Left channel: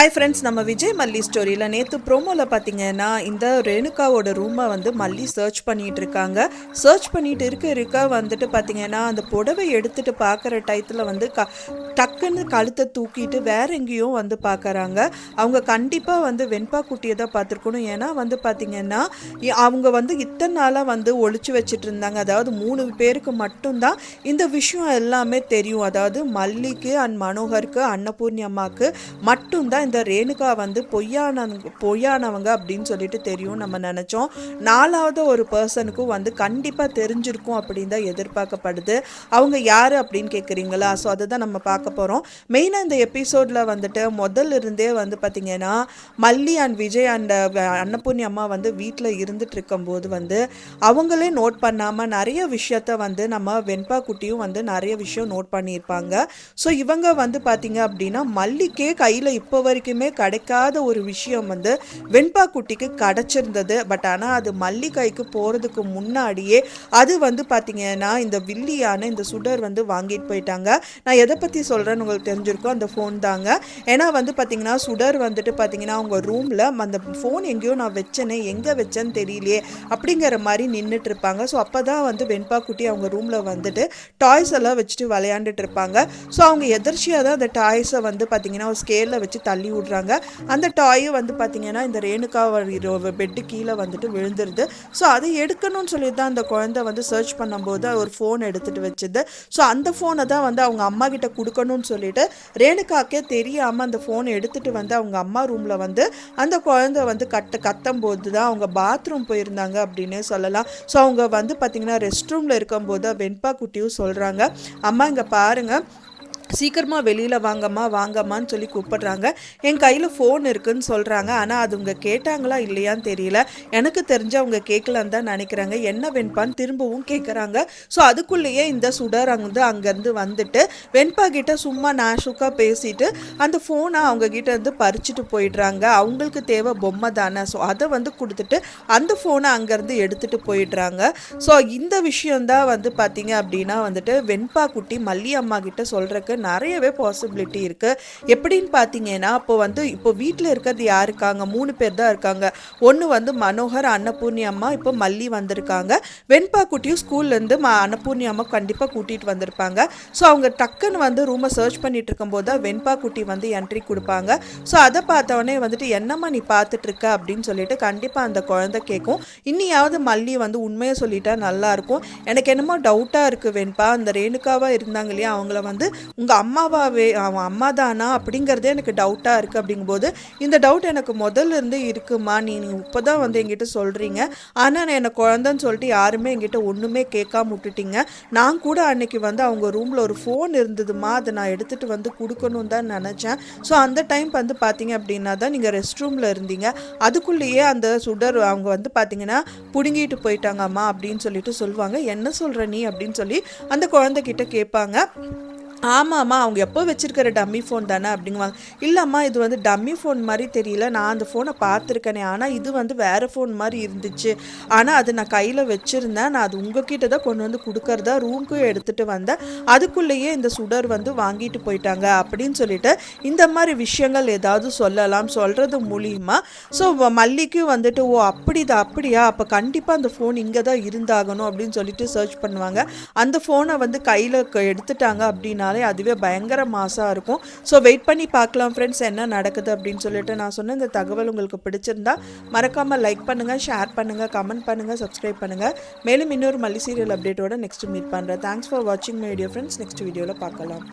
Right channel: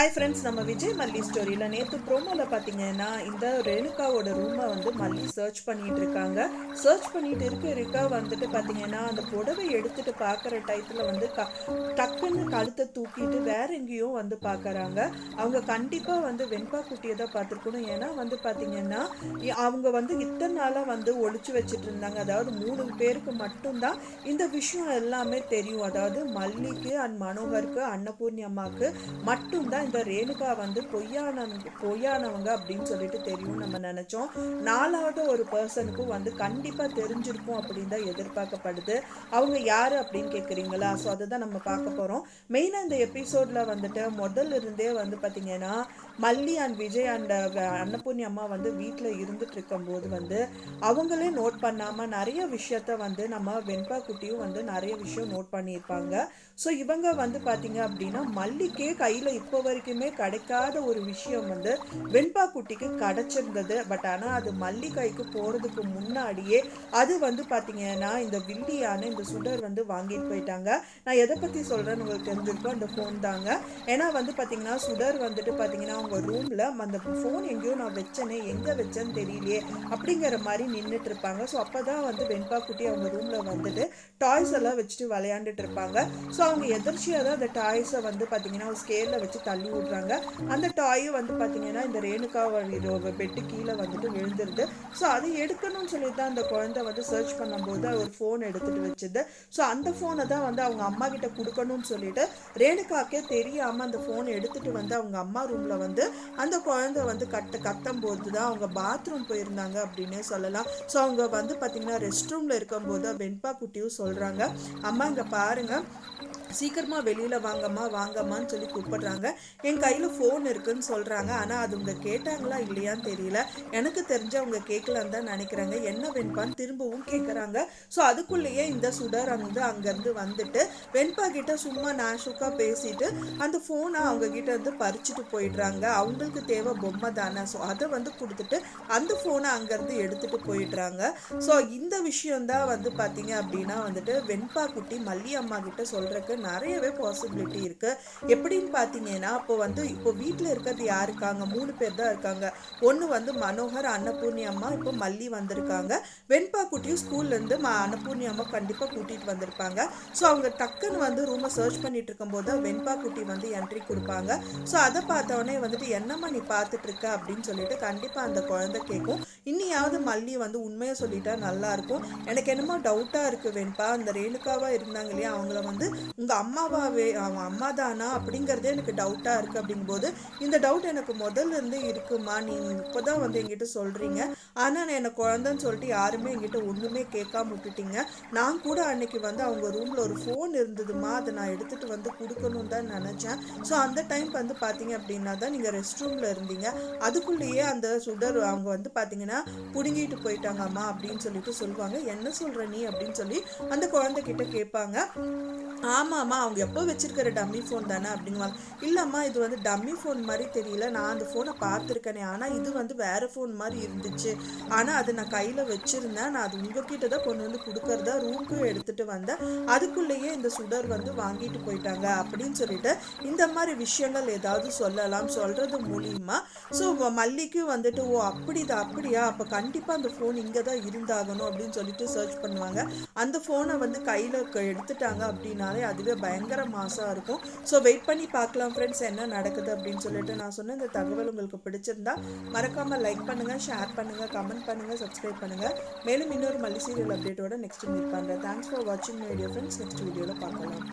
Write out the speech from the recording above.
Hi friends, நம்ம விஜய் மல்லி ஸ்டோரியில் நேற்று ப்ரோமோவில் பார்த்தீங்கன்னா இந்த ரேணுகாவோட ரூமை வந்து மல்லி சர்ச் பண்ணிகிட்டு இருக்காங்க. சர்ச் பண்ணிட்டு இருக்க வந்துட்டு பார்த்தீங்கன்னா அந்த புடவை எடுத்துகிட்டு பார்க்குற டயத்தில் வந்து டக்குன்னு கழுத்தை தூக்கிட்டு வேற எங்கேயோ வந்து பார்க்குறாங்க. அவங்க கண்டிப்பாக வந்து வெண்பா குட்டியை தான் பார்த்துருக்கணும். ஏன்னா வந்து பார்த்தீங்கன்னா அவங்க வந்து இத்தனை நாளாக வந்து ஒழிச்சு வச்சுட்டு இருந்தாங்க. அதாவது 3 பேருக்கு மட்டும்தான் இந்த விஷயம் எல்லாமே தெரியும். அதாவது மல்லிக்கு அண்ட் மனோகருக்கு அன்னபூர்ணி அம்மாவுக்கு மட்டும்தான் இந்த ரேணுகா வந்து பொய்யானவங்க அப்படின்னு சொல்லிட்டு தெரியும் நம்ம நினச்சோம். 4வது ஒரு பர்சனுக்கும் வந்து கண்டிப்பாக தெரிஞ்சிருக்கும் அப்படின்னு தான் எதிர்பார்க்கப்படுது. அவங்க யார் அப்படின்னு கேட்குறீங்களா? ஸோ அதை தான் நம்ம பார்க்க போகிறோம். மெயினாக இந்த எபிசோடில் வந்துட்டு முதல்ல இருந்தே வந்து பார்த்திங்கன்னா மல்லி அண்ட் விஜய் அண்ட் அன்னபூர்ணி அம்மா வந்து வீட்டில் இருந்துட்டு இருக்கும்போது வந்து அவங்களே நோட் பண்ணாமல் நிறைய விஷயத்த வந்து நம்ம வெண்பா குட்டியும் வந்து நிறைய விஷயம் நோட் பண்ணியிருப்பாங்க. ஸோ இவங்க வந்து பார்த்திங்க அப்படின்னா மல்லிக்கே கையில் இப்போ வரைக்குமே கிடைக்காத ஒரு விஷயம் வந்து வெண்பா குட்டிக்கு கிடைச்சிருந்தது. பட் ஆனால் அது மல்லி கைக்கு போகிறதுக்கு முன்னாடியே அது வந்து பார்த்தீங்கன்னா இந்த வில்லியான இந்த சுடர் வந்து வாங்கிட்டு போயிட்டாங்க. நான் எதை பற்றி சொல்கிறேன்னு உங்களுக்கு தெரிஞ்சிருக்கோம், அந்த ஃபோன் தாங்க. ஏன்னா வந்து பார்த்தீங்கன்னா சுடர் வந்துட்டு பார்த்தீங்கன்னா அவங்க ரூமில் அந்த ஃபோன் எங்கேயோ நான் வச்சேனே, எங்கே வச்சேன்னு தெரியலையே அப்படிங்கிற மாதிரி நின்றுட்டு இருப்பாங்க. ஸோ அப்போ தான் வந்து வெண்பா குட்டி அவங்க ரூமில் வந்துட்டு டாய்ஸ் எல்லாம் வச்சுட்டு விளையாண்டுட்டு இருப்பாங்க. ஸோ அவங்க எதிர்ச்சியாக தான் அந்த டாய்ஸை வந்து பார்த்தீங்கன்னா ஒரு ஸ்கேலில் வச்சு தள்ளி விடுறாங்க. அந்த டாயும் வந்து பார்த்தீங்கன்னா இந்த ரேணுகா பெட்டு கீழே வந்துட்டு விழுந்துருது. ஸோ அதை எடுக்கணும்னு சொல்லி தான் அந்த குழந்தை வந்து சர்ச் பண்ணும்போது ஒரு ஃபோன் எடுத்துகிட்டு வச்சுது. ஸோ அந்த ஃபோனை தான் வந்து அவங்க அம்மா கிட்ட கொடுக்கணும்னு சொல்லிட்டு ரேணுகாக்கே தெரியாமல் அந்த ஃபோனை எடுத்துகிட்டு வந்து அவங்க அம்மா ரூமில் வந்து அந்த குழந்தை வந்து கத்தும் போது தான் அவங்க பாத்ரூம் போயிருந்தாங்க அப்படின்னே சொல்லலாம். ஸோ அவங்க வந்து பார்த்தீங்கன்னா ரெஸ்ட் ரூமில் இருக்கும்போது வெண்பா குட்டியும் சொல்கிறாங்க, அம்மா இங்கே பாருங்கள், சீக்கிரமாக வெளியில் வாங்கம்மான்னு சொல்லி கூப்பிடுறாங்க. என் கையில் ஃபோன் இருக்குதுன்னு சொல்கிறாங்க. ஆனால் அது அவங்க கேட்டாங்களா இல்லையான்னு தெரியல. எனக்கு தெரிஞ்சு அவங்க கேட்கலான்னு தான் நினைக்கிறாங்க. என்ன வெண்பான்னு திரும்பவும் கேட்குறாங்க. ஸோ அதுக்குள்ளேயே இந்த சுடர் அங்கேருந்து வந்துட்டு வெண்பா கிட்ட சும்மா நாஷுக்காக பேசிட்டு அந்த ஃபோனை அவங்க கிட்ட இருந்து பறிச்சுட்டு போயிடுறாங்க. அவங்களுக்கு தேவை பொம்மை தானே, ஸோ அதை வந்து கொடுத்துட்டு அந்த ஃபோனை அங்கேருந்து எடுத்துகிட்டு போயிடுறாங்க. ஸோ இந்த விஷயந்தான் வந்து பார்த்தீங்க அப்படின்னா வந்துட்டு வெண்பா குட்டி மல்லி அம்மா கிட்ட சொல்கிறதுக்கு நிறையவே பாசிபிலிட்டி இருக்குது. எப்படின்னு பார்த்தீங்கன்னா இப்போ வீட்டில் இருக்கிறது யார் இருக்காங்க? 3 பேர் தான் இருக்காங்க. ஒன்று வந்து மனோகர், அன்னபூர்ணி அம்மா, இப்போ மல்லி வந்திருக்காங்க. வெண்பா குட்டியும் ஸ்கூல்லேருந்து அன்னபூர்ணி அம்மா கண்டிப்பாக கூட்டிகிட்டு வந்திருப்பாங்க. ஸோ அவங்க டக்குன்னு வந்து ரூமை சர்ச் பண்ணிட்டு இருக்கும்போது தான் வெண்பா குட்டி வந்து என்ட்ரி கொடுப்பாங்க. ஸோ அதை பார்த்தவொடனே வந்துட்டு என்னம்மா நீ பார்த்துட்ருக்க அப்படின்னு சொல்லிட்டு கண்டிப்பாக அந்த குழந்தை கேட்கும். இன்னியாவது மல்லி வந்து உண்மையை சொல்லிட்டா நல்லாயிருக்கும். எனக்கு என்னமோ டவுட்டாக இருக்குது வெண்பா, அந்த ரேணுகாவாக இருந்தாங்க இல்லையா, அவங்கள வந்து உங்கள் அம்மாவாவே அவன் அம்மா தானா அப்படிங்கிறதே எனக்கு டவுட்டாக இருக்குது. அப்படிங்கும்போது இந்த டவுட் எனக்கு முதல்ல இருந்து இருக்குமா, நீ இப்போ தான் வந்து என்கிட்ட சொல்கிறீங்க, ஆனால் நான் என்னை குழந்தைன்னு சொல்லிட்டு யாருமே என்கிட்ட ஒன்றுமே கேட்காம விட்டுட்டீங்க. நான் கூட அன்னைக்கு வந்து அவங்க ரூமில் ஒரு ஃபோன் இருந்ததுமா, அதை நான் எடுத்துகிட்டு வந்து கொடுக்கணும்னு தான் நினச்சேன். ஸோ அந்த டைம் வந்து பார்த்தீங்க அப்படின்னா தான் நீங்கள் ரெஸ்ட் ரூமில் இருந்தீங்க. அதுக்குள்ளேயே அந்த சுடர் அவங்க வந்து பார்த்தீங்கன்னா பிடுங்கிட்டு போயிட்டாங்கம்மா அப்படின்னு சொல்லிட்டு சொல்லுவாங்க. என்ன சொல்கிற நீ அப்படின்னு சொல்லி அந்த குழந்தைகிட்ட கேட்பாங்க. ஆமாம்மா, அவங்க எப்போ வச்சுருக்கிற டம்மி ஃபோன் தானே அப்படிங்குவாங்க. இல்லைம்மா, இது வந்து டம்மி ஃபோன் மாதிரி தெரியல, நான் அந்த ஃபோனை பார்த்துருக்கேனே, ஆனால் இது வந்து வேறு ஃபோன் மாதிரி இருந்துச்சு, ஆனால் அது நான் கையில் வச்சுருந்தேன், நான் அது உங்ககிட்ட தான் கொண்டு வந்து கொடுக்கறதா ரூமுக்கும் எடுத்துகிட்டு வந்தேன், அதுக்குள்ளேயே இந்த சுடர் வந்து வாங்கிட்டு போயிட்டாங்க அப்படின்னு சொல்லிட்டு இந்த மாதிரி விஷயங்கள் ஏதாவது சொல்லலாம். சொல்கிறது மூலியமா ஸோ மல்லிக்கும் வந்துட்டு ஓ அப்படியா, அப்போ கண்டிப்பாக அந்த ஃபோன் இங்கே தான் இருந்தாகணும் அப்படின்னு சொல்லிட்டு சர்ச் பண்ணுவாங்க. அந்த ஃபோனை வந்து கையில் எடுத்துட்டாங்க அப்படின்னா அதுவே பயங்கர மாசாக இருக்கும். ஸோ வெயிட் பண்ணி பார்க்கலாம் ஃப்ரெண்ட்ஸ், என்ன நடக்குது அப்படின்னு சொல்லிட்டு. நான் சொன்ன இந்த தகவல் உங்களுக்கு பிடிச்சிருந்தா மறக்காமல் லைக் பண்ணுங்கள், ஷேர் பண்ணுங்கள், கமெண்ட் பண்ணுங்கள், சப்ஸ்கிரைப் பண்ணுங்கள். மேலும் இன்னொரு மல்லி சீரியல் அப்டேட்டோட நெக்ஸ்ட் மீட் பண்ணுறேன். தேங்க்ஸ் ஃபார் வாட்சிங் மை வீடியோ ஃப்ரெண்ட்ஸ். நெக்ஸ்ட் வீடியோவில் பார்க்கலாம்.